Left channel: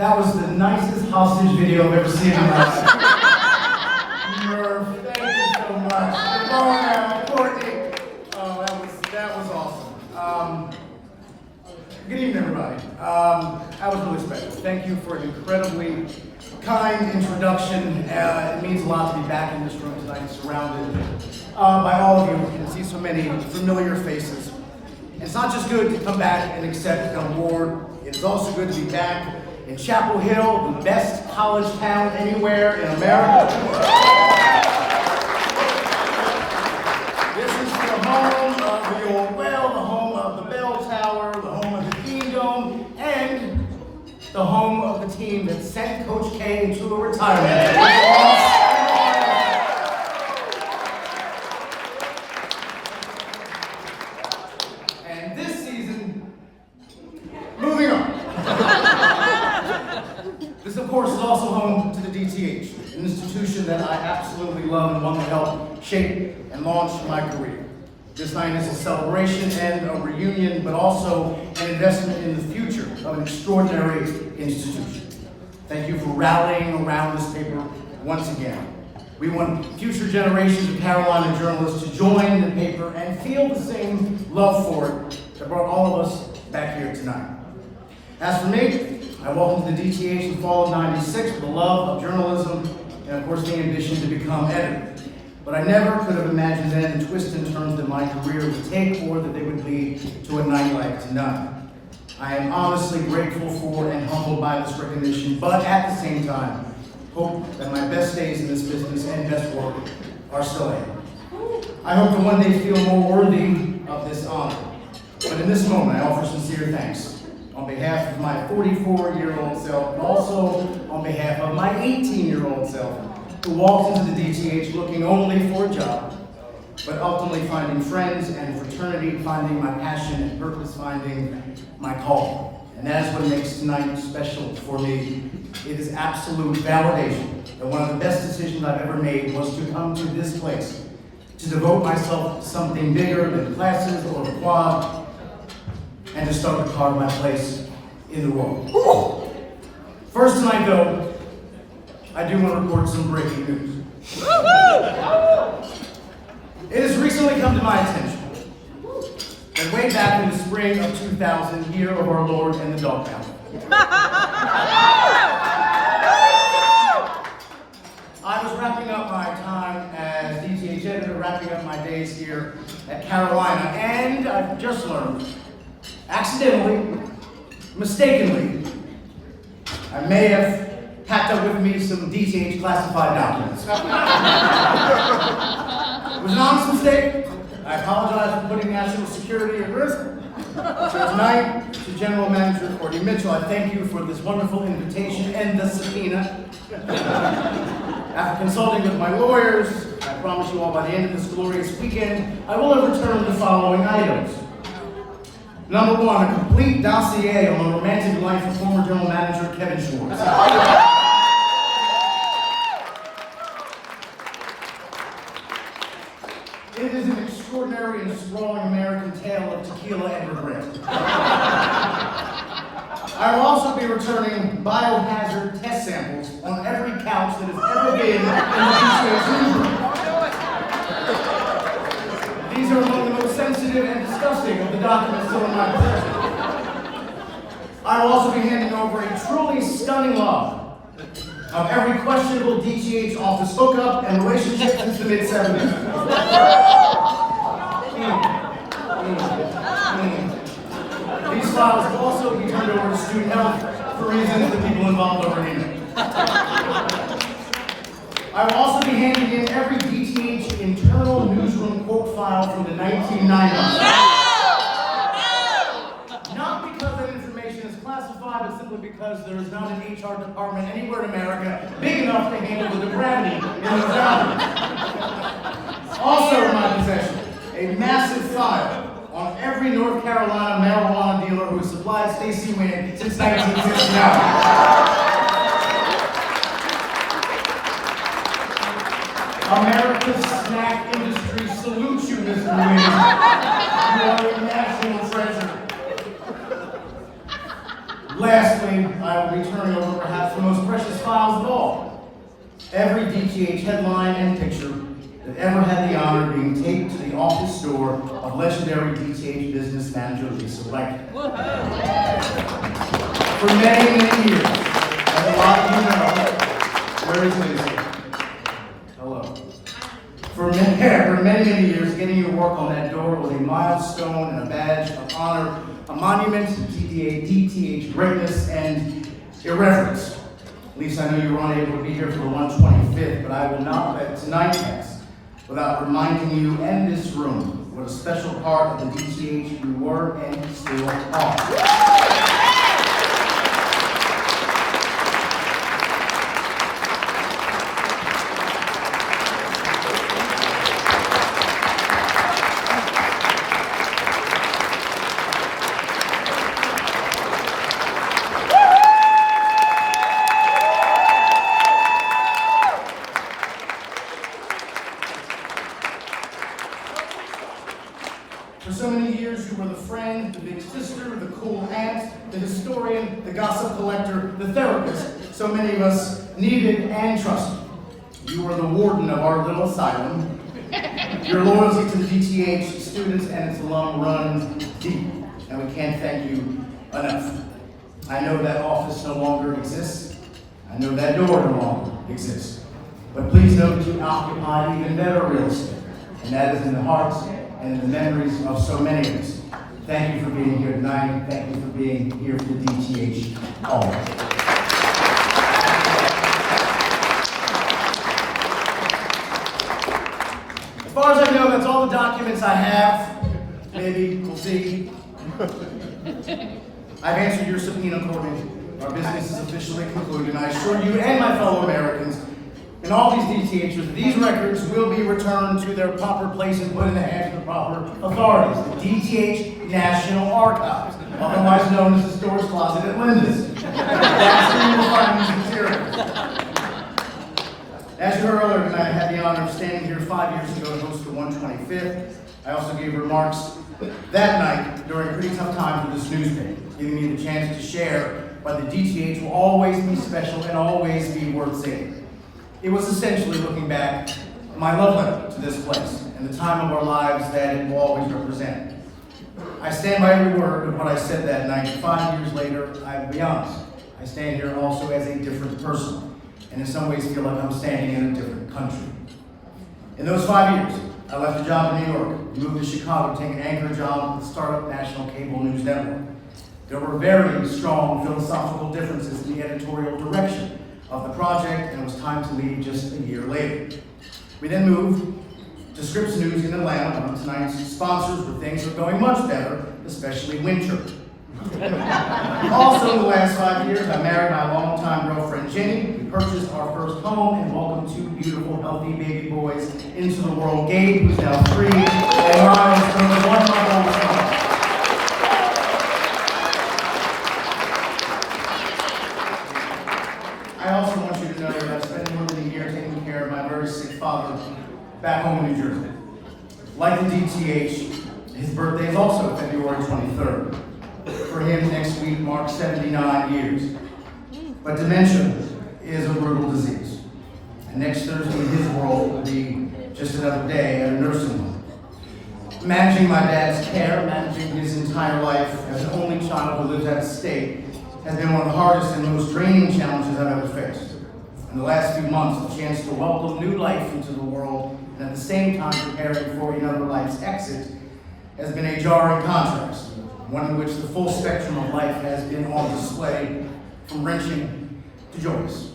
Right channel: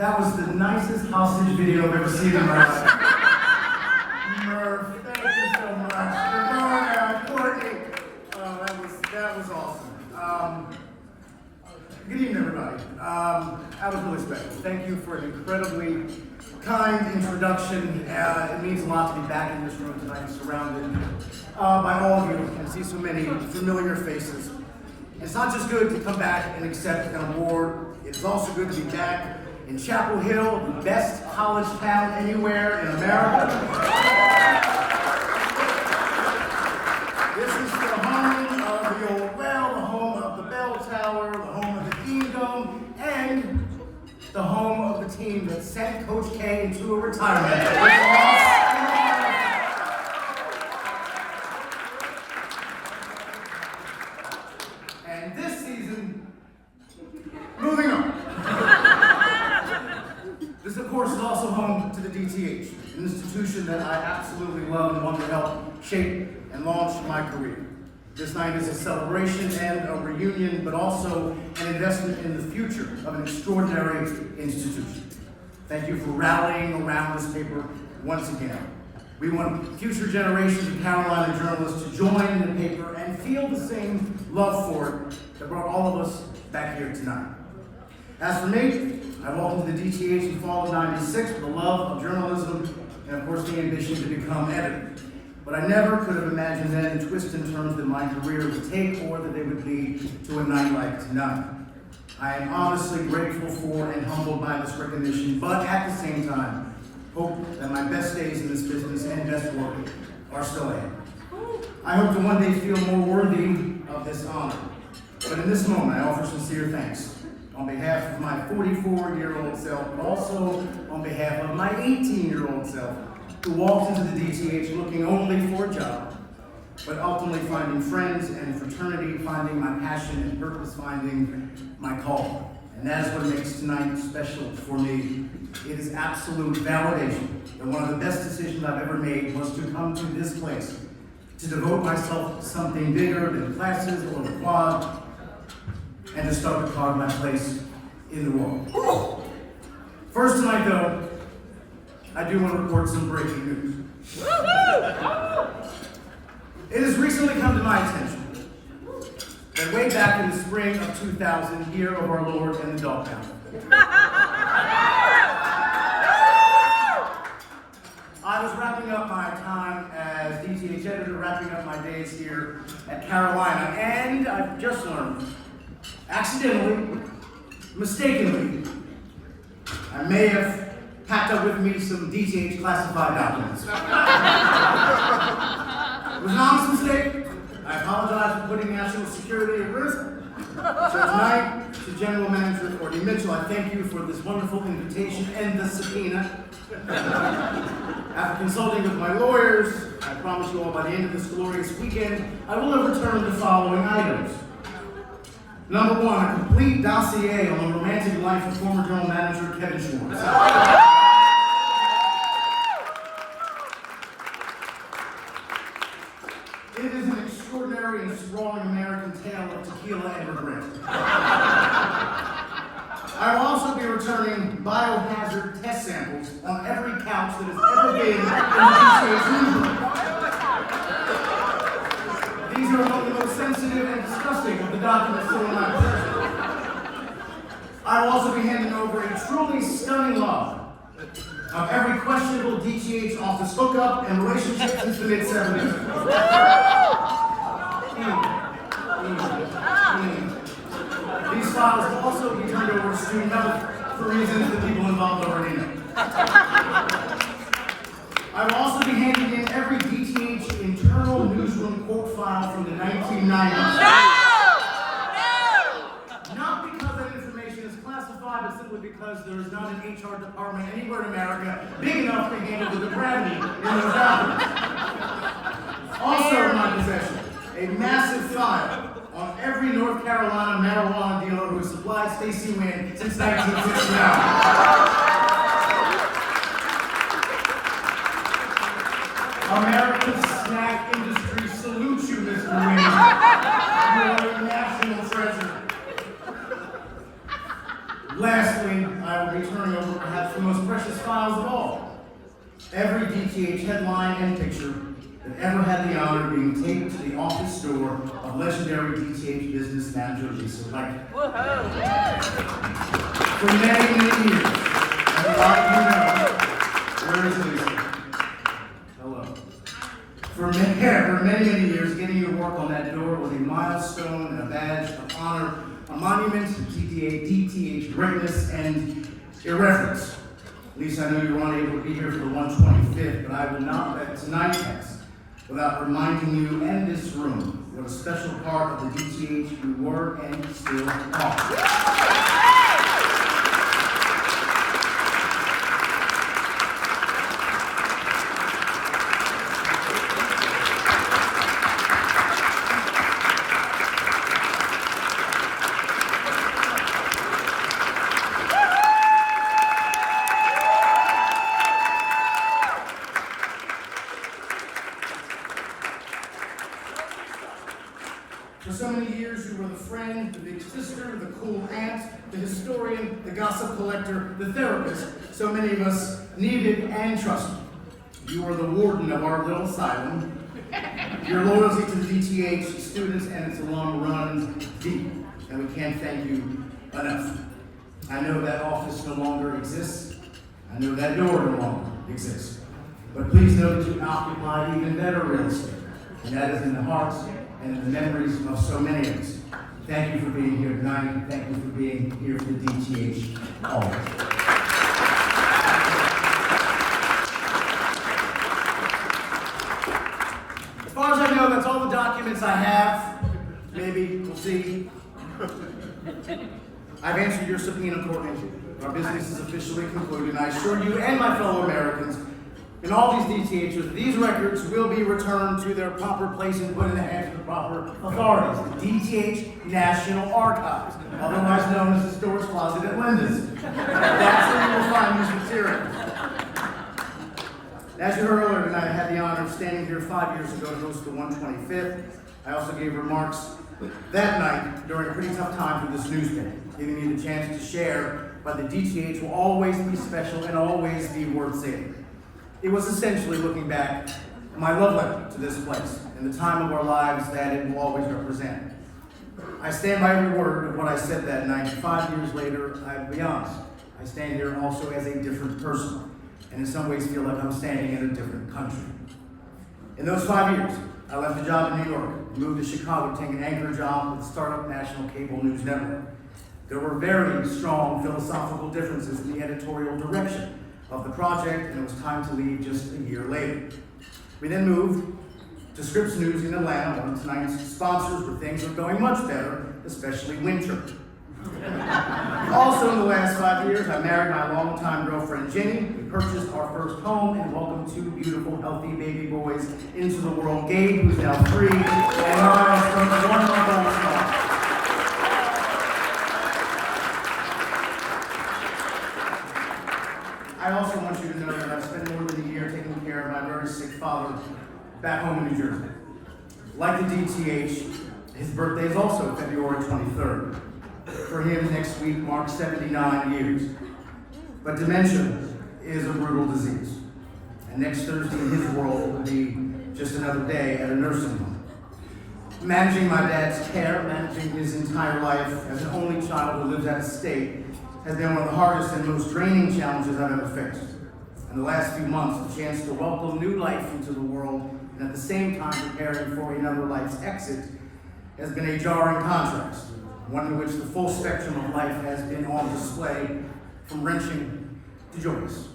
That was the nicest hostage video I've ever seen in my life. Murph, thank you so much. Ramona, Courtney. That was awesome. Good evening, everybody. That was really special. Thank you for an incredibly kind introduction. It means a lot to be back in this room tonight, surrounded by all of you. I can see so many familiar faces. And it's not just good to come back and accept an award. It's also good to be back in Chapel Hill, the best college town anywhere in America. This is the home of the old bell, the home of the bell tower, the home of the Dean Dome, and the home of the team that sent Coach K into a retirement. And this season, moving on. This, of course, is also home to the DTH, an institution that I absolutely love and want to help shape and launch my career. This night is a celebration and a reunion, but also an investment in the future of an extraordinary institution. Thank you for rallying around this paper once again. We want future generations of Carolina journalists to join the paper and feel the same love for it that brought all of us back here tonight. As for me, I welcome to the DTH in the fall of '96 with the love of journalism and, of course, the ambition to become editor. But I never could have imagined then the twists and turns that my career would take or that they would lead to a night like tonight. I am honestly grateful for and humbled by this recognition, but at the same time, hope that my best days in this business and best work are still ahead. I hope to one day feel more worthy of this honor. But in this moment, I offer sincere thanks on behalf of my 44-year-old self, but also on behalf of my 18-year-old self, who walked into the DTH looking only for a job, but ultimately finding friends and fraternity, finding my passion and purpose, finding my call. And that is what makes tonight special for me. It is absolute validation that one of the best decisions I've ever made was to come to this place, to devote myself to something bigger than classes or the quad, and to start to carve my place in the world. First tonight, though, I do want to report some breaking news. It has recently come to my attention that way back in the spring of 2000, year of our Lord and the dog pound, I was wrapping up my time as DTH editor, wrapping up my days here at Carolina, and I've just learned, accidentally, mistakenly, I may have packed up with me some DTH classified documents. It was an honest mistake. I apologize for putting national security at risk. So tonight, to General Manager Courtney Mitchell, I thank you for this wonderful invitation and the subpoena. After consulting with my lawyers, I promise you all by the end of this glorious weekend, I will have returned the following items. Number one, a complete dossier on the romantic life of former General Manager Kevin Schwartz. It is an extraordinary and sprawling American tale of tequila and regret. I will also be returning biohazard test samples on every couch that has ever been in the DTH newsroom. These are among the most sensitive and disgusting of the documents still in my possession. I will also be handing over a truly stunning log of every questionable DTH office hookup and relationship since the mid-70s. These files will also be turned over to student health for reasons the people involved already know. I will also be handing in every DTH internal newsroom quote file from the 1990s. Not because that information is classified, but simply because there is not an HR department anywhere in America big enough to handle the gravity in those documents. Also in my possession, a massive file on every North Carolina marijuana dealer who supplied Stacey Wynn since 1969. America's snack industry salutes you, Mr. Wynn. You are a national treasure. Lastly, I will be turning over DTH headline and picture that ever had the honor of being taped to the office door of legendary DTH business manager Lisa Leck. For many, many years, as a lot of you know, where is Lisa? Hello. For many years, getting your work on that door was a milestone and a badge of honor, a monument to DTH greatness and irreverence. Lisa, I know you were unable to be here for the 125th, but I will not let tonight pass without reminding you and this room what a special part of the DTH you were and still are. For so many years, you were the friend, the big sister, the cool aunt, the historian, the gossip collector, the therapist so many of us needed and trusted. You were the warden of our little asylum. Your loyalty to the DTH students and its alum runs deep, and we can't thank you enough. I know that office no longer exists. I know that door no longer exists. But please know that you occupy even better real estate, and that is in the hearts and in the memories of so many of us. Thank you for being here tonight. Thank you for being here for DTH always. As far as I know, that's all the documents I have. Maybe, we'll see. I've answered your subpoena, Courtney. Our business is officially concluded, and I assure you and my fellow Americans and all these DTHers, these records will be returned to their proper place and put in the hands of the proper authorities, the DTH National Archives, otherwise known as the storage closet at Linda's. That's where you will find these materials. As you heard earlier tonight, I had the honor of standing here 5 years ago to host the 125th. I also gave remarks that night during a pretty tough time for this newspaper, giving me the chance to share, but the DTH will always be special and always be worth seeing. It was essentially looking back my love letter to this place and the time of our lives that it will always represent. I stand by every word of what I said that night. 5 years later, I'll be honest, I stand here also as a different person, and in some ways feel like I'm standing in a different country. In those 5 years, I left a job in New York, moved to Chicago to take an anchor job with the startup national cable news network. There were very strong philosophical differences in the editorial direction of the project, and it was time to leave just a year later. We then moved to Scripps News in Atlanta, one of tonight's sponsors, where things are going much better, especially winter. Also in the last 5 years, I married my longtime girlfriend Jenny. We purchased our first home and welcomed 2 beautiful, healthy baby boys into the world. Gabe, who's now 3, and Ryan, who's turning 1 month old. I also want you to know that I've spent more than a year taking care of my very sick father back home in New Jersey. Like the DTH, his birthday is also February 23rd. For him, next week marks 79 years. But dementia is a brutal disease. And next Thursday in his world will be just another day at a nursing home. Managing my dad's care, managing his entire life as an only child who lives out of state, has been one of the hardest and most draining challenges I've ever faced. In the last few months, the chance to welcome new life into the world and at the same time preparing for another life's exit has been a jarring contrast, one in which the full spectrum of life has been on display, from wrenching to joyous.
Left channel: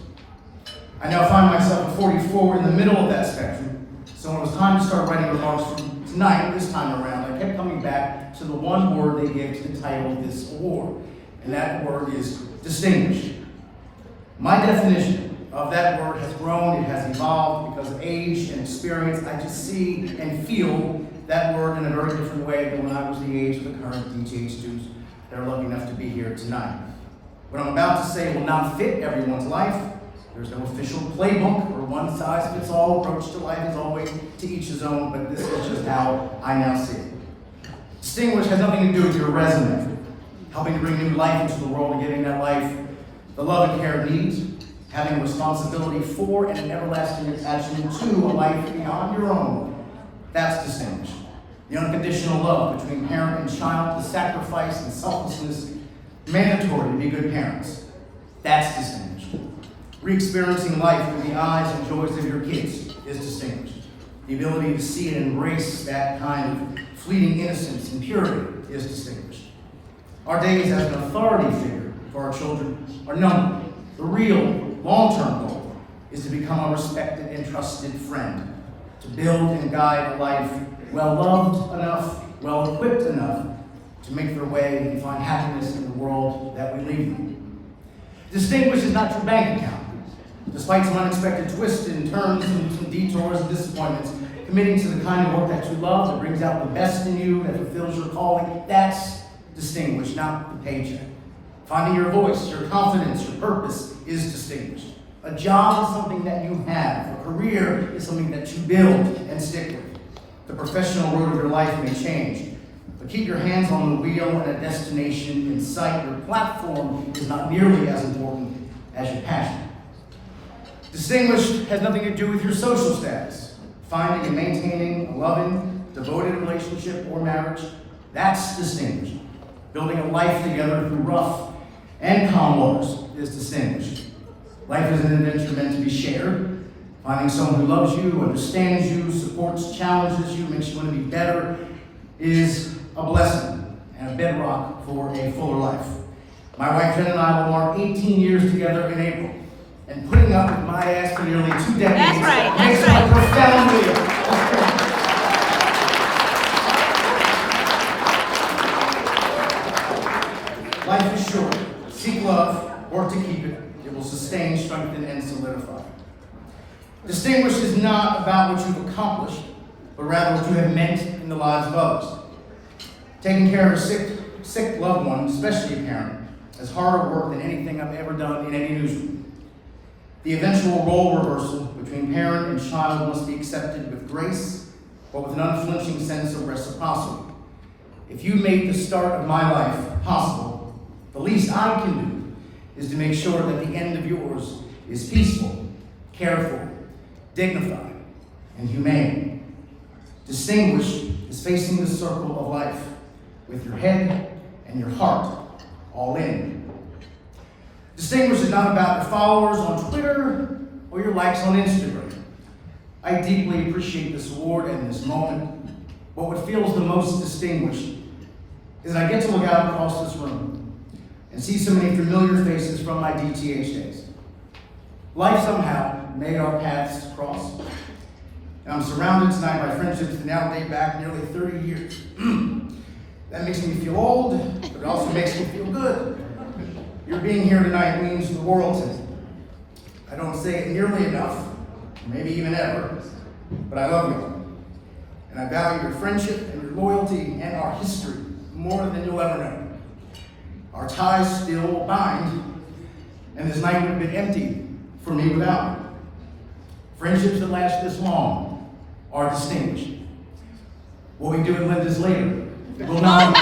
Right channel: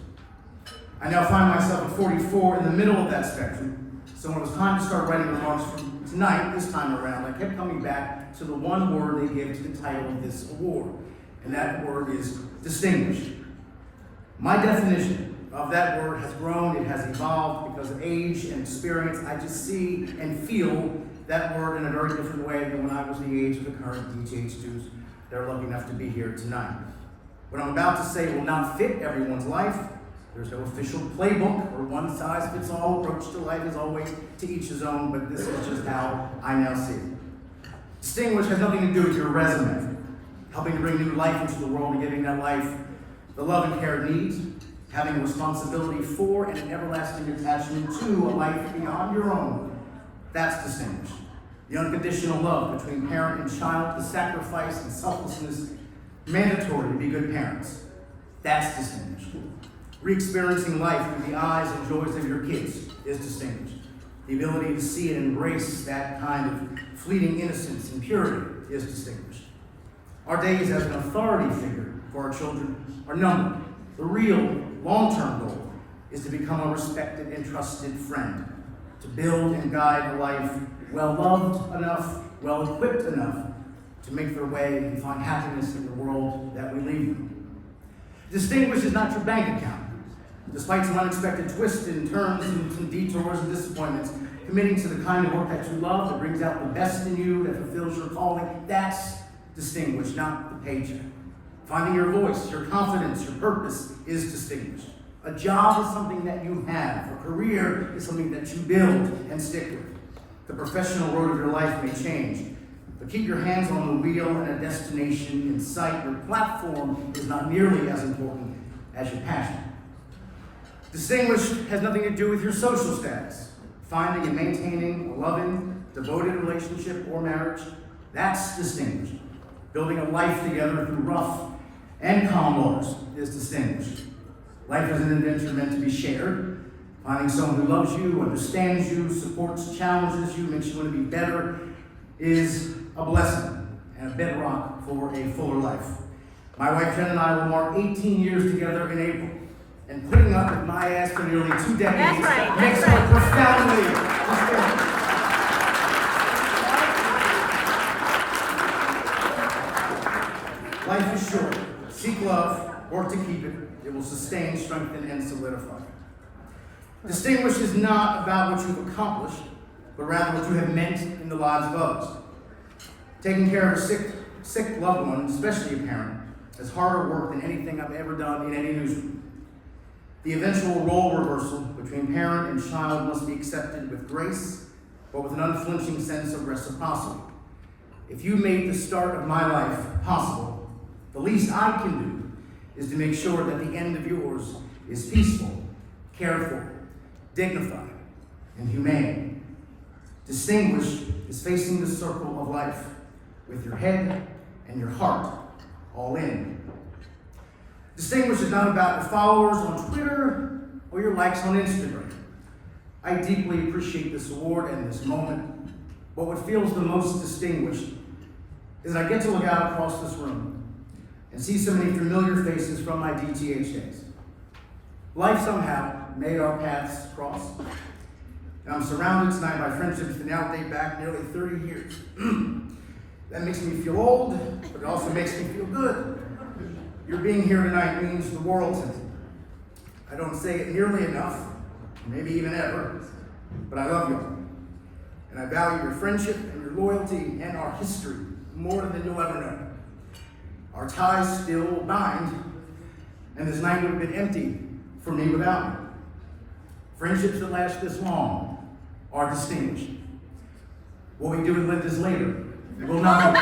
I now find myself at 44 in the middle of that spectrum, so when it was time to start writing remarks for tonight, this time around, I kept coming back to the one word they gave to the title of this award, and that word is distinguished. My definition of that word has grown, it has evolved because of age and experience. I just see and feel that word in a very different way than when I was the age of the current DTH students that are lucky enough to be here tonight. What I'm about to say will not fit everyone's life. There's no official playbook or one-size-fits-all approach to life. As always, to each his own, but this is just how I now see it. Distinguished has nothing to do with your resume, helping to bring new life into the world and giving that life the love and care it needs, having a responsibility for and an everlasting attachment to a life beyond your own, that's distinguished. The unconditional love between parent and child, the sacrifice and selflessness mandatory to be good parents, that's distinguished. Re-experiencing life through the eyes and joys of your kids is distinguished. The ability to see and embrace that kind of fleeting innocence and purity is distinguished. Our days as an authority figure for our children are numbered. The real, long-term goal is to become a respected and trusted friend, to build and guide a life well-loved enough, well-equipped enough to make their way and find happiness in the world that we leave in. Distinguished is not your bank account. Despite some unexpected twists and turns and some detours and disappointments, committing to the kind of work that you love, that brings out the best in you, that fulfills your calling, that's distinguished, not the paycheck. Finding your voice, your confidence, your purpose is distinguished. A job is something that you have. A career is something that you build and stick with. The professional road of your life may change, but keep your hands on the wheel and a destination in sight. Your platform is not nearly as important as your passion. Distinguished has nothing to do with your social status. Finding and maintaining a loving, devoted relationship or marriage, that's distinguished. Building a life together through rough and calm waters is distinguished. Life is an adventure meant to be shared. Finding someone who loves you, understands you, supports, challenges you, makes you want to be better is a blessing and a bedrock for a fuller life. My wife Jen and I will mark 18 years together in April. And putting up with my ass for nearly 2 decades makes her profoundly Life is short. Seek love, work to keep it. It will sustain, strengthen, and solidify. Distinguished is not about what you've accomplished, but rather what you have meant in the lives of others. Taking care of a sick loved one, especially a parent, is harder work than anything I've ever done in any newsroom. The eventual role reversal between parent and child must be accepted with grace, but with an unflinching sense of reciprocity. If you made the start of my life possible, the least I can do is to make sure that the end of yours is peaceful, cared for, dignified, and humane. Distinguished is facing the circle of life with your head and your heart all in. Distinguished is not about your followers on Twitter or your likes on Instagram. I deeply appreciate this award and this moment, but what feels the most distinguished is that I get to look out across this room and see so many familiar faces from my DTH days. Life somehow made our paths cross, and I'm surrounded tonight by friendships that now date back nearly 30 years. That makes me feel old, but it also makes me feel good. Your being here tonight means the world to me. I don't say it nearly enough, maybe even ever, but I love you. And I value your friendship and your loyalty and our history more than you'll ever know. Our ties still bind, and this night would have been empty for me without you. Friendships that last this long are distinguished. What we do at Linda's later will not.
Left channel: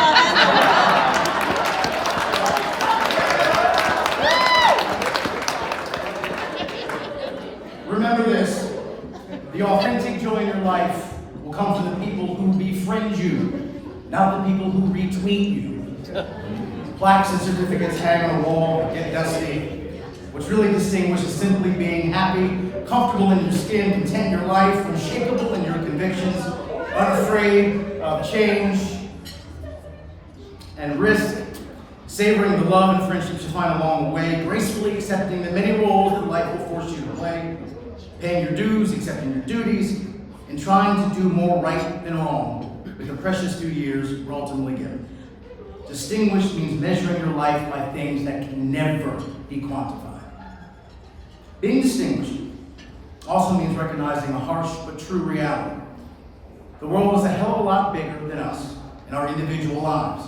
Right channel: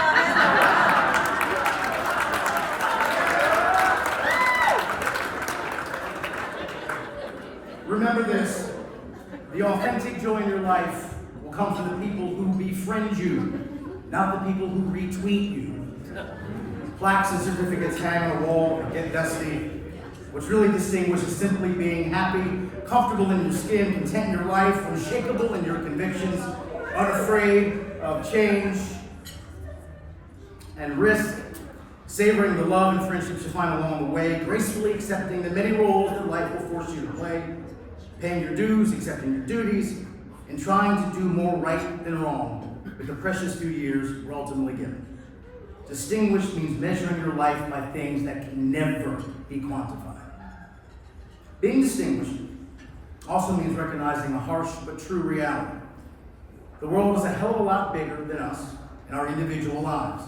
Remember this, the authentic joy in your life will come from the people who befriend you, not the people who retweet you. Plaques and certificates hang on the wall and get dusty. What's really distinguished is simply being happy, comfortable in your skin, content in your life, unshakable in your convictions, unafraid of change and risk, savoring the love and friendships you find along the way, gracefully accepting the many roles that life will force you to play, paying your dues, accepting your duties, and trying to do more right than wrong with the precious few years we're ultimately given. Distinguished means measuring your life by things that can never be quantified. Being distinguished also means recognizing a harsh but true reality. The world is a hell of a lot bigger than us and our individual lives.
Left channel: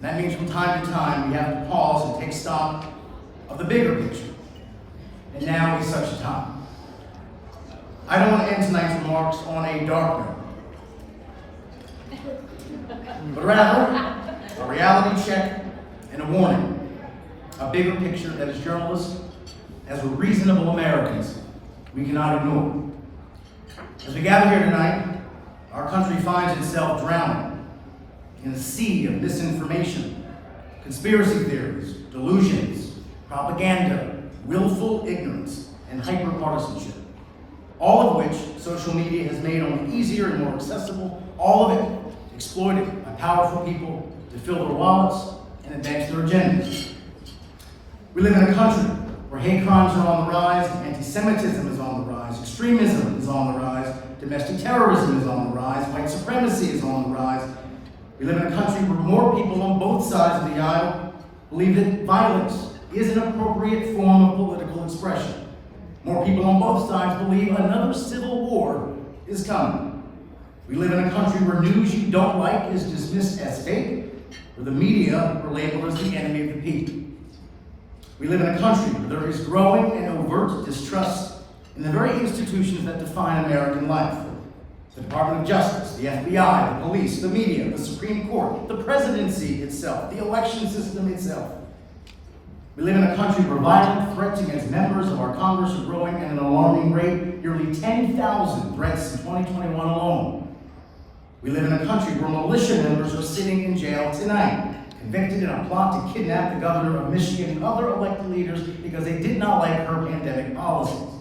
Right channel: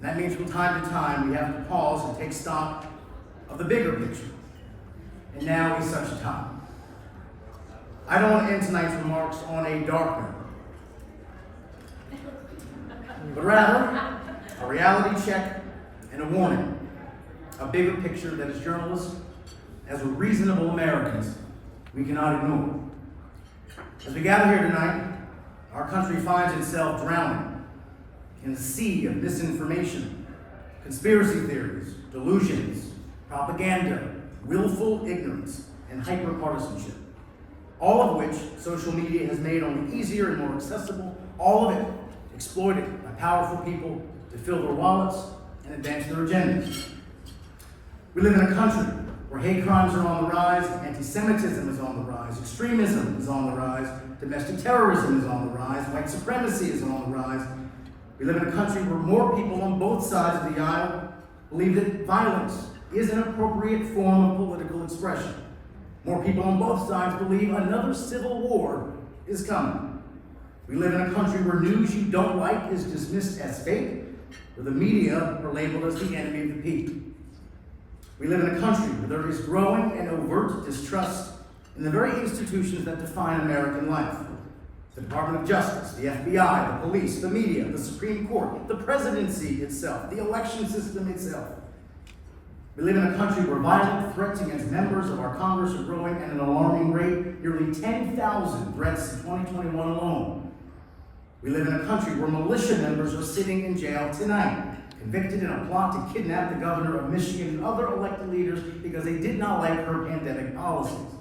And that means from time to time we have to pause and take stock of the bigger picture. And now is such a time. I don't want to end tonight's remarks on a dark note, but rather a reality check and a warning, a bigger picture that as journalists as reasonable Americans, we cannot ignore. As we gather here tonight, our country finds itself drowning in a sea of misinformation, conspiracy theories, delusions, propaganda, willful ignorance, and hyper-partisanship. All of which social media has made only easier and more accessible, all of it exploited by powerful people to fill their wallets and advance their agendas. We live in a country where hate crimes are on the rise, anti-Semitism is on the rise, extremism is on the rise, domestic terrorism is on the rise, white supremacy is on the rise. We live in a country where more people on both sides of the aisle believe that violence is an appropriate form of political expression. More people on both sides believe another civil war is coming. We live in a country where news you don't like is dismissed as fake, where the media are labeled as the enemy of the people. We live in a country where there is growing and overt distrust in the very institutions that define American life. The Department of Justice, the FBI, the police, the media, the Supreme Court, the presidency itself, the election system itself. We live in a country where violent threats against members of our Congress are growing at an alarming rate, nearly 10,000 threats in 2021 alone. We live in a country where militia members are sitting in jail tonight, convicted in a plot to kidnap the governor of Michigan and other elected leaders because they did not like her pandemic policies.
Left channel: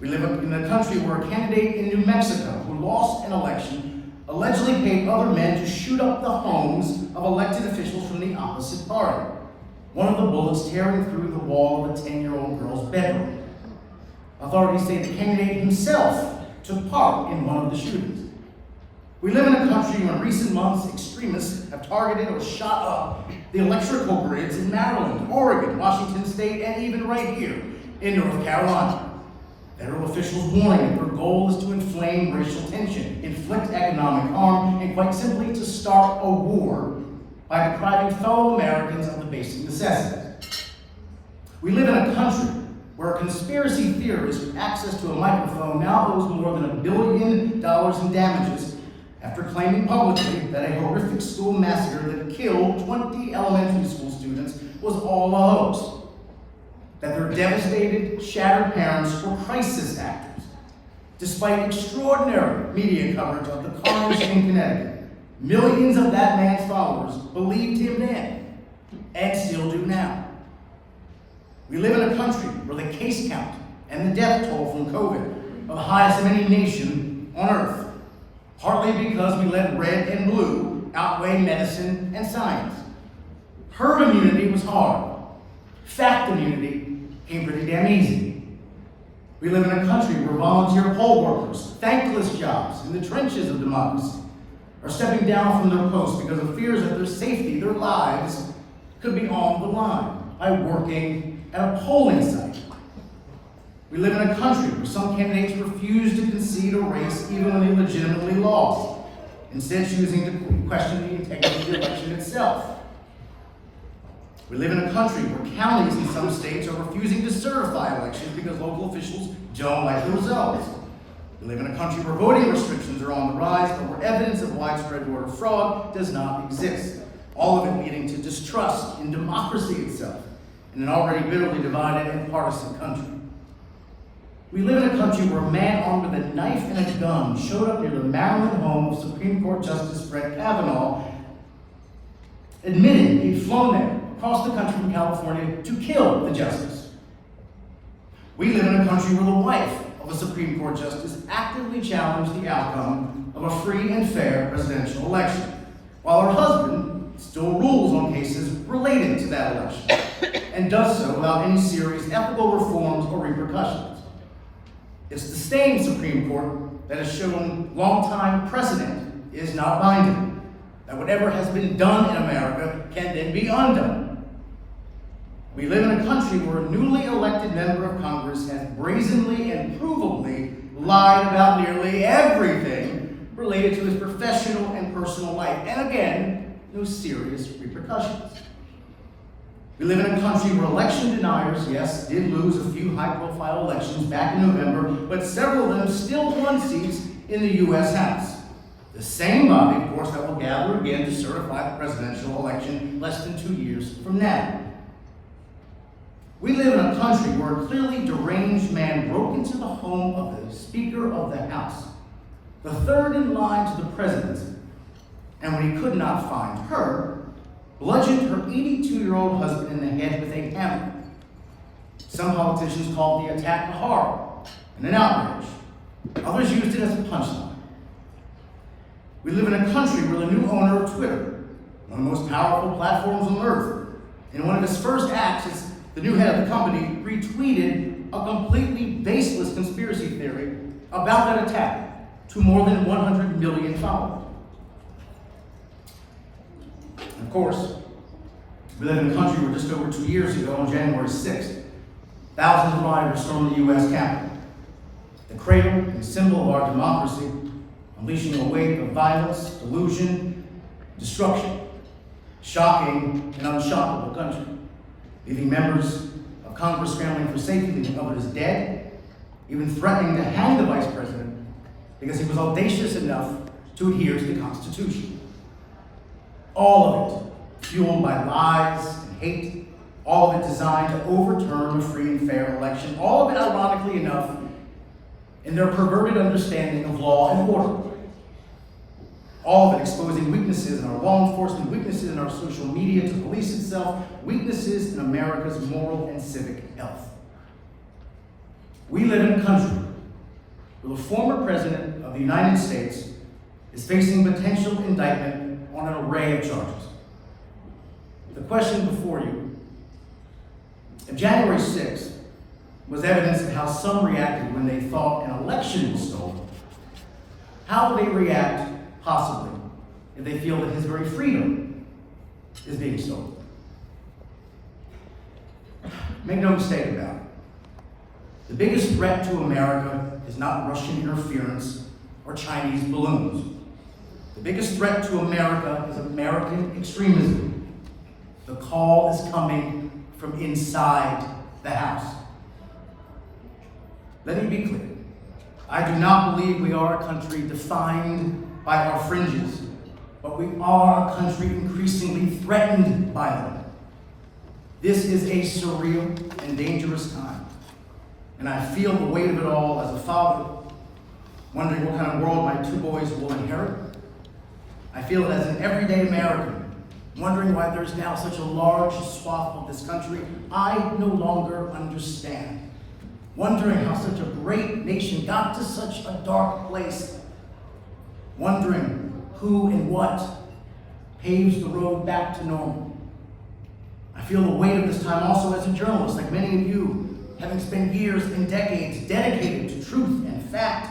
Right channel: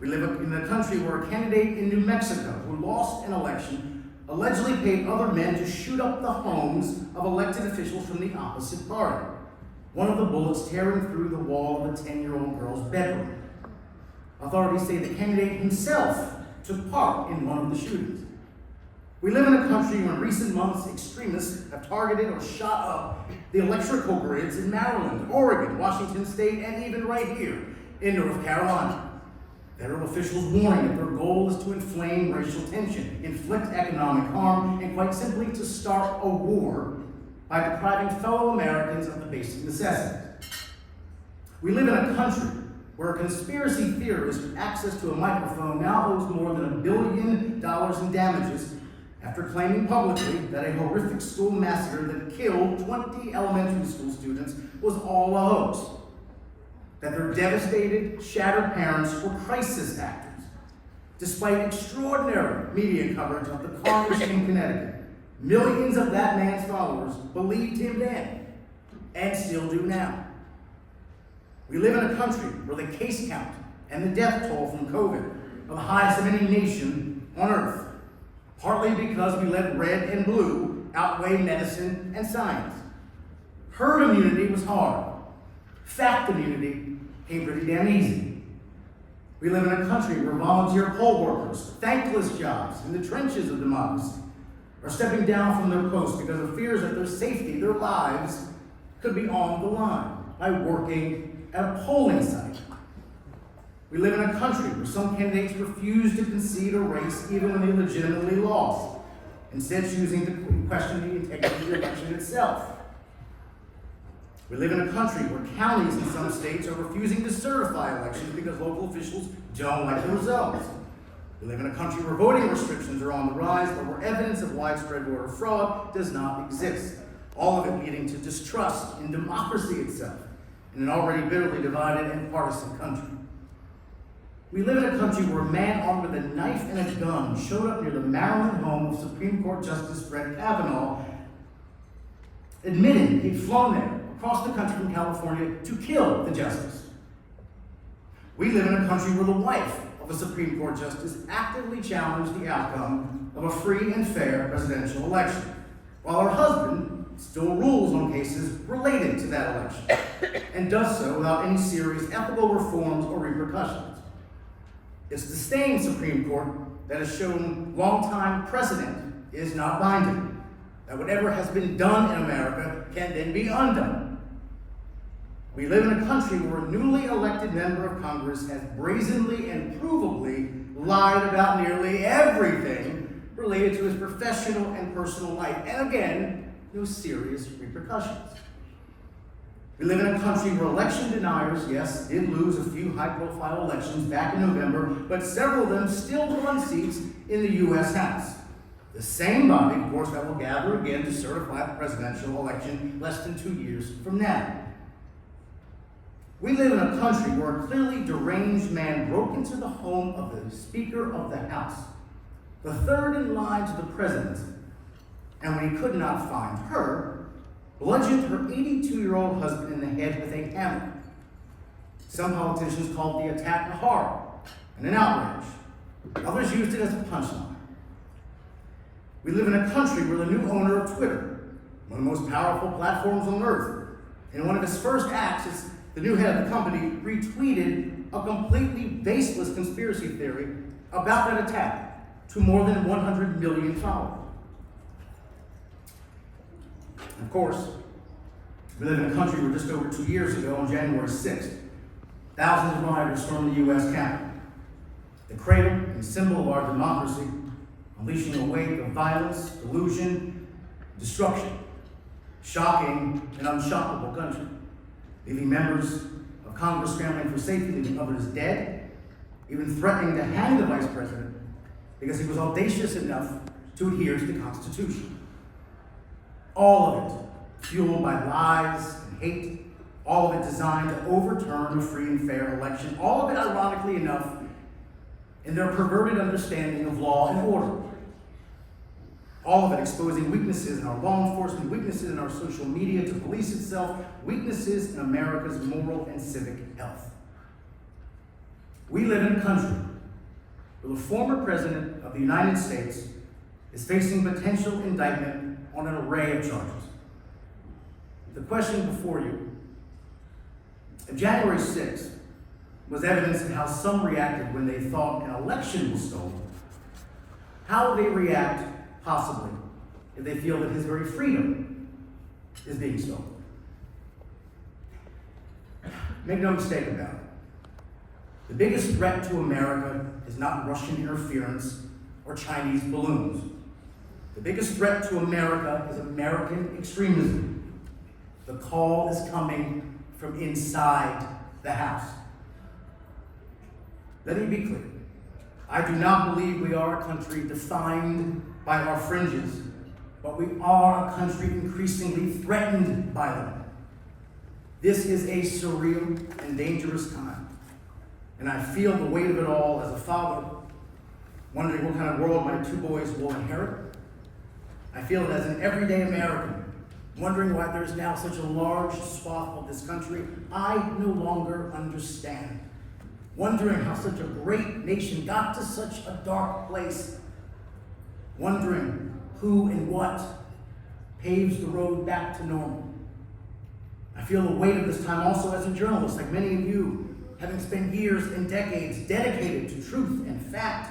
We live in a country where a candidate in New Mexico who lost an election allegedly paid other men to shoot up the homes of elected officials from the opposite party. One of the bullets tearing through the wall of a 10-year-old girl's bedroom. Authorities say the candidate himself took part in one of the shootings. We live in a country where in recent months extremists have targeted or shot up the electrical grids in Maryland, Oregon, Washington State, and even right here in North Carolina. Federal officials warning that their goal is to inflame racial tension, inflict economic harm, and quite simply to start a war by depriving fellow Americans of the basic necessities. We live in a country where a conspiracy theorist with access to a microphone now owes more than $1 billion in damages after claiming publicly that a horrific school massacre that killed 20 elementary school students was all a hoax. That their devastated, shattered parents were crisis actors. Despite extraordinary media coverage of the carnage in Connecticut, millions of that man's followers believed him then, and still do now. We live in a country where the case count and the death toll from COVID are the highest of any nation on earth, partly because we let red and blue outweigh medicine and science. Herd immunity was hard. Fact immunity came pretty damn easy. We live in a country where volunteer poll workers, thankless jobs in the trenches of democracy, are stepping down from their posts because of fears that their safety, their lives, could be on the line by working at a polling site. We live in a country where some candidates refuse to concede a race even when they legitimately lost, instead choosing to question the integrity of the election itself. We live in a country where counties in some states are refusing to certify elections because local officials don't like the results. We live in a country where voting restrictions are on the rise, but where evidence of widespread voter fraud does not exist. All of it leading to distrust in democracy itself, in an already bitterly divided and partisan country. We live in a country where a man armed with a knife and a gun showed up near the Maryland home of Supreme Court Justice Brett Kavanaugh, admitting he'd flown there across the country from California to kill the justice. We live in a country where the wife of a Supreme Court justice actively challenged the outcome of a free and fair presidential election, while her husband still rules on cases related to that election, and does so without any serious ethical reforms or repercussions. It's the same Supreme Court that has shown long-time precedent is not binding, that whatever has been done in America can then be undone. We live in a country where a newly elected member of Congress has brazenly and provably lied about nearly everything related to his professional and personal life, and again, no serious repercussions. We live in a country where election deniers, yes, did lose a few high-profile elections back in November, but several of them still won seats in the U.S. House. The same body, of course, that will gather again to certify the presidential election less than 2 years from now. We live in a country where a clearly deranged man broke into the home of the Speaker of the House, the third in line to the presidency, and when he could not find her, bludgeoned her 82-year-old husband in the head with a hammer. Some politicians called the attack a horror and an outrage. Others used it as a punchline. We live in a country where the new owner of Twitter, one of the most powerful platforms on earth, in one of his first acts as the new head of the company, retweeted a completely baseless conspiracy theory about that attack to more than 100 million followers. And of course, we live in a country where just over 2 years ago, on January 6th, thousands of rioters stormed the U.S. Capitol, the cradle and symbol of our democracy, unleashing a wave of violence, delusion, destruction, shocking and unshockable country, leaving members of Congress scrambling for safety, leaving others dead, even threatening to hang the vice president because he was audacious enough to adhere to the Constitution. All of it fueled by lies and hate, all of it designed to overturn a free and fair election, all of it, ironically enough, in their perverted understanding of law and order. All of it exposing weaknesses in our law enforcement, weaknesses in our social media to police itself, weaknesses in America's moral and civic health. We live in a country where the former president of the United States is facing potential indictment on an array of charges. The question before you, if January 6th was evidence of how some reacted when they thought an election was stolen, how will they react, possibly, if they feel that his very freedom is being stolen? Make no mistake about it. The biggest threat to America is not Russian interference or Chinese balloons. The biggest threat to America is American extremism. The call is coming from inside the House. Let me be clear. I do not believe we are a country defined by our fringes, but we are a country increasingly threatened by them. This is a surreal and dangerous time, and I feel the weight of it all as a father, wondering what kind of world my two boys will inherit. I feel it as an everyday American, wondering why there's now such a large swath of this country I no longer understand. Wondering how such a great nation got to such a dark place. Wondering who and what paves the road back to normal. I feel the weight of this time also as a journalist, like many of you, having spent years and decades dedicated to truth and fact,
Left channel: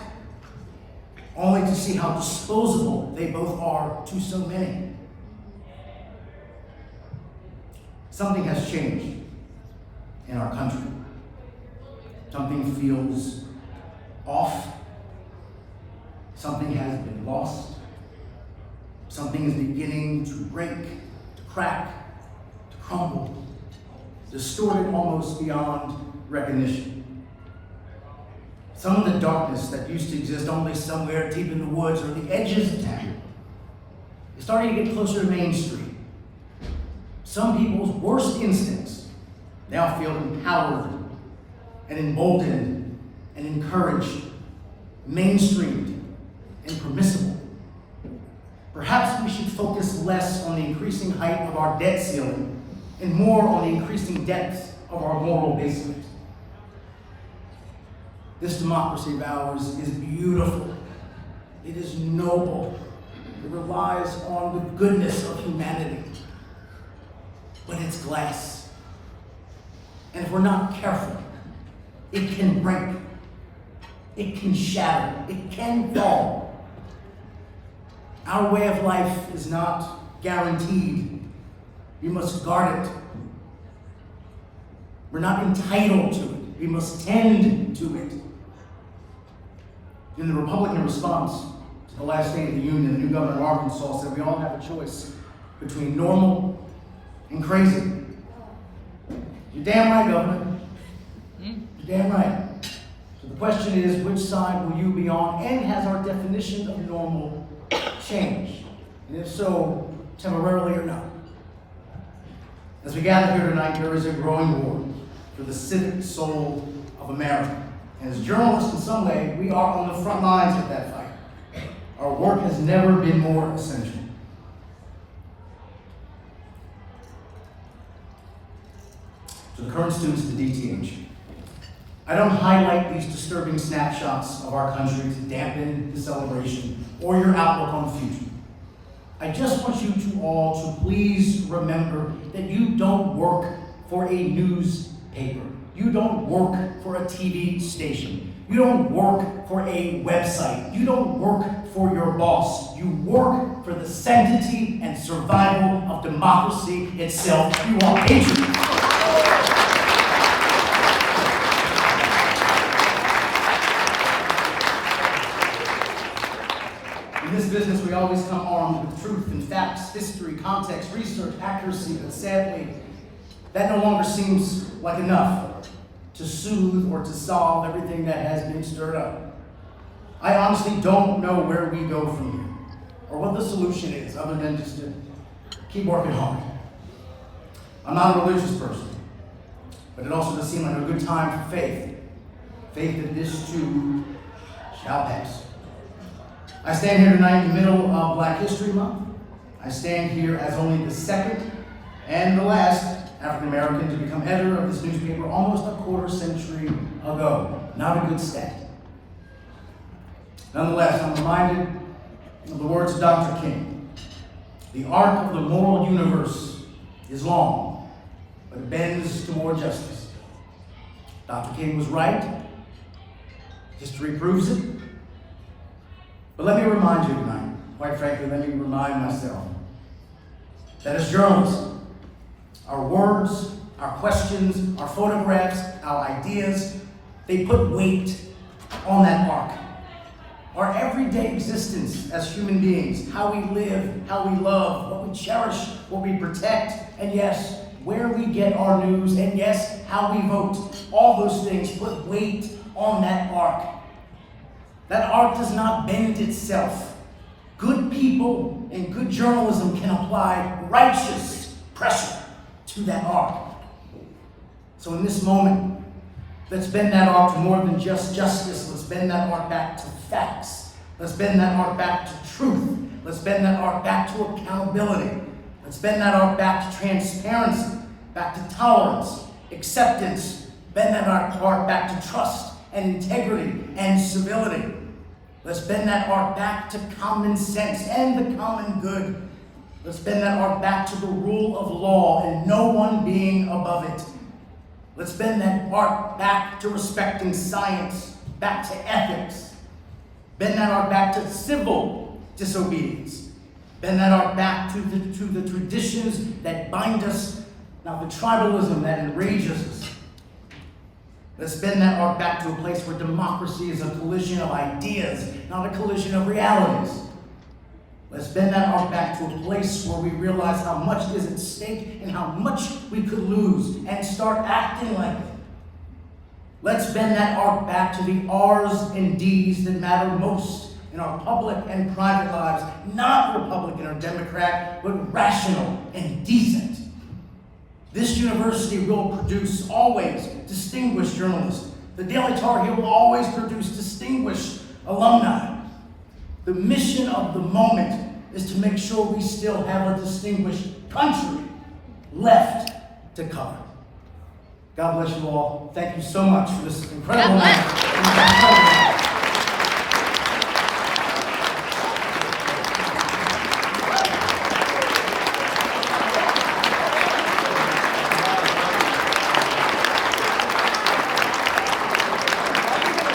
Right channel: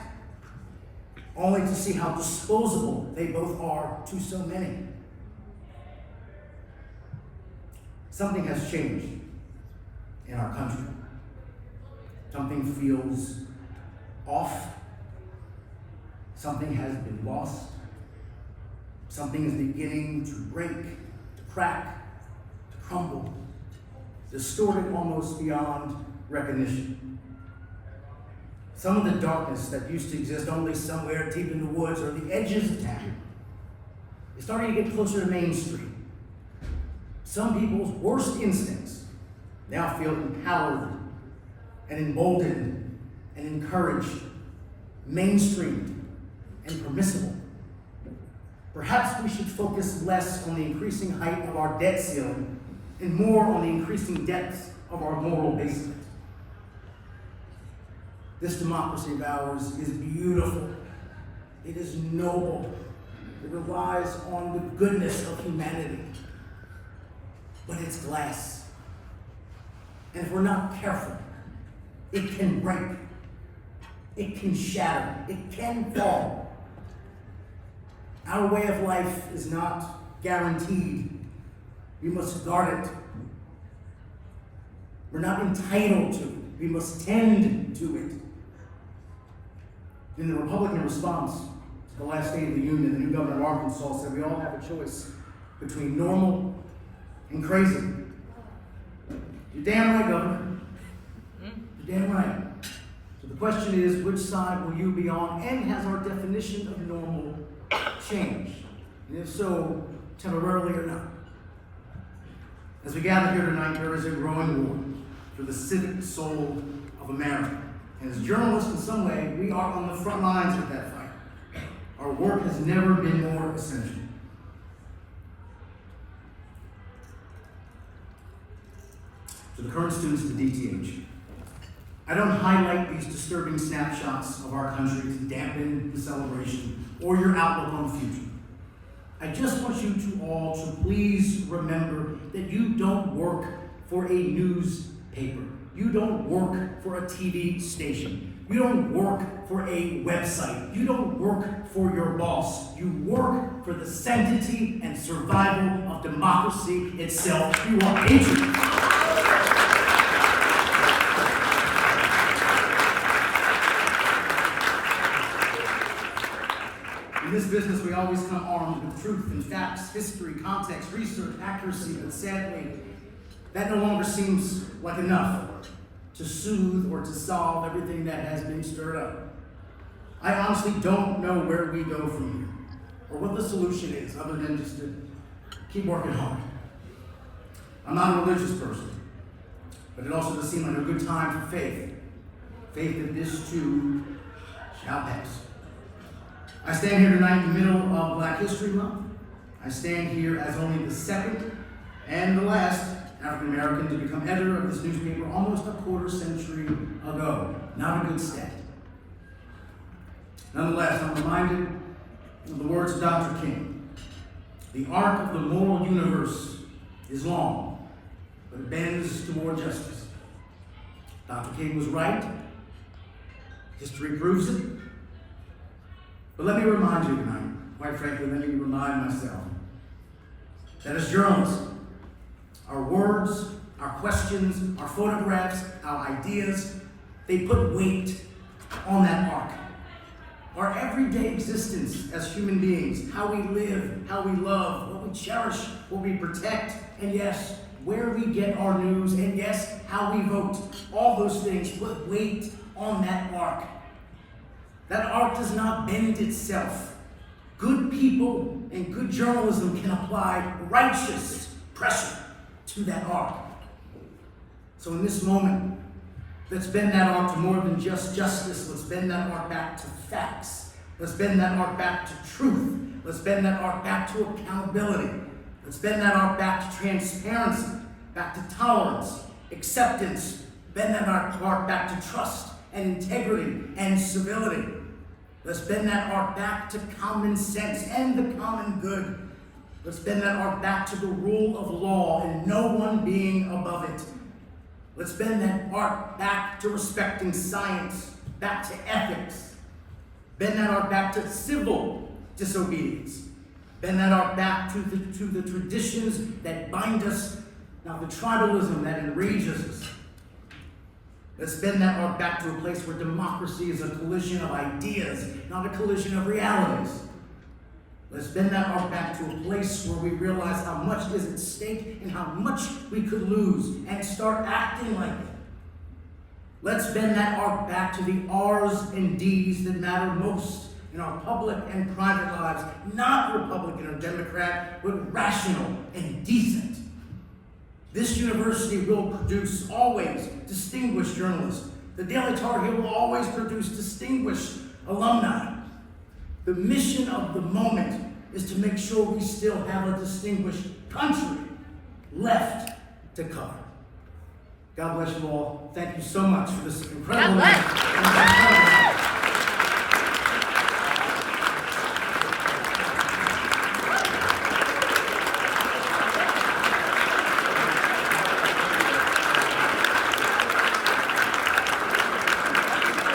only to see how disposable they both are to so many. Something has changed in our country. Something feels off. Something has been lost. Something is beginning to break, to crack, to crumble, distorted almost beyond recognition. Some of the darkness that used to exist only somewhere deep in the woods or the edges of town is starting to get closer to Main Street. Some people's worst instincts now feel empowered and emboldened and encouraged, mainstreamed and permissible. Perhaps we should focus less on the increasing height of our debt ceiling and more on the increasing depths of our moral basement. This democracy of ours is beautiful. It is noble. It relies on the goodness of humanity. But it's glass. And if we're not careful, it can break. It can shatter. It can fall. Our way of life is not guaranteed. We must guard it. We're not entitled to it. We must tend to it. In the Republican response to the last State of the Union, the new governor of Arkansas said we all have a choice between normal and crazy. You're damn right, Governor. You're damn right. So the question is, which side will you be on, and has our definition of normal changed? And if so, temporarily or not? As we gather here tonight, there is a growing war for the civic soul of America. And as journalists, in some way, we are on the front lines of that fight. Our work has never been more essential. To the current students of the DTH, I don't highlight these disturbing snapshots of our country to dampen the celebration or your outlook on the future. I just want you to all to please remember that you don't work for a newspaper. You don't work for a TV station. You don't work for a website. You don't work for your boss. You work for the sanctity and survival of democracy itself. You are patriots. In this business, we always come armed with truth and facts, history, context, research, accuracy, but sadly, that no longer seems like enough to soothe or to solve everything that has been stirred up. I honestly don't know where we go from here, or what the solution is, other than just to keep working hard. I'm not a religious person, but it also does seem like a good time for faith. Faith that this too shall pass. I stand here tonight in the middle of Black History Month. I stand here as only the second and the last African American to become editor of this newspaper almost a quarter century ago. Not a good stat. Nonetheless, I'm reminded of the words of Dr. King. The arc of the moral universe is long, but it bends toward justice. Dr. King was right. History proves it. But let me remind you tonight, quite frankly, let me remind myself, that as journalists, our words, our questions, our photographs, our ideas, they put weight on that arc. Our everyday existence as human beings, how we live, how we love, what we cherish, what we protect, and yes, where we get our news, and yes, how we vote. All those things put weight on that arc. That arc does not bend itself. Good people and good journalism can apply righteous pressure to that arc. So in this moment, let's bend that arc to more than just justice. Let's bend that arc back to facts. Let's bend that arc back to truth. Let's bend that arc back to accountability. Let's bend that arc back to transparency, back to tolerance, acceptance. Bend that arc back to trust and integrity and civility. Let's bend that arc back to common sense and the common good. Let's bend that arc back to the rule of law and no one being above it. Let's bend that arc back to respecting science, back to ethics. Bend that arc back to civil disobedience. Bend that arc back to the traditions that bind us, not the tribalism that enrages us. Let's bend that arc back to a place where democracy is a collision of ideas, not a collision of realities. Let's bend that arc back to a place where we realize how much is at stake and how much we could lose and start acting like it. Let's bend that arc back to the R's and D's that matter most in our public and private lives, not Republican or Democrat, but rational and decent. This university will produce always distinguished journalists. The Daily Tar Heel will always produce distinguished alumni. The mission of the moment is to make sure we still have a distinguished country left to cover. God bless you all. Thank you so much for this incredible night.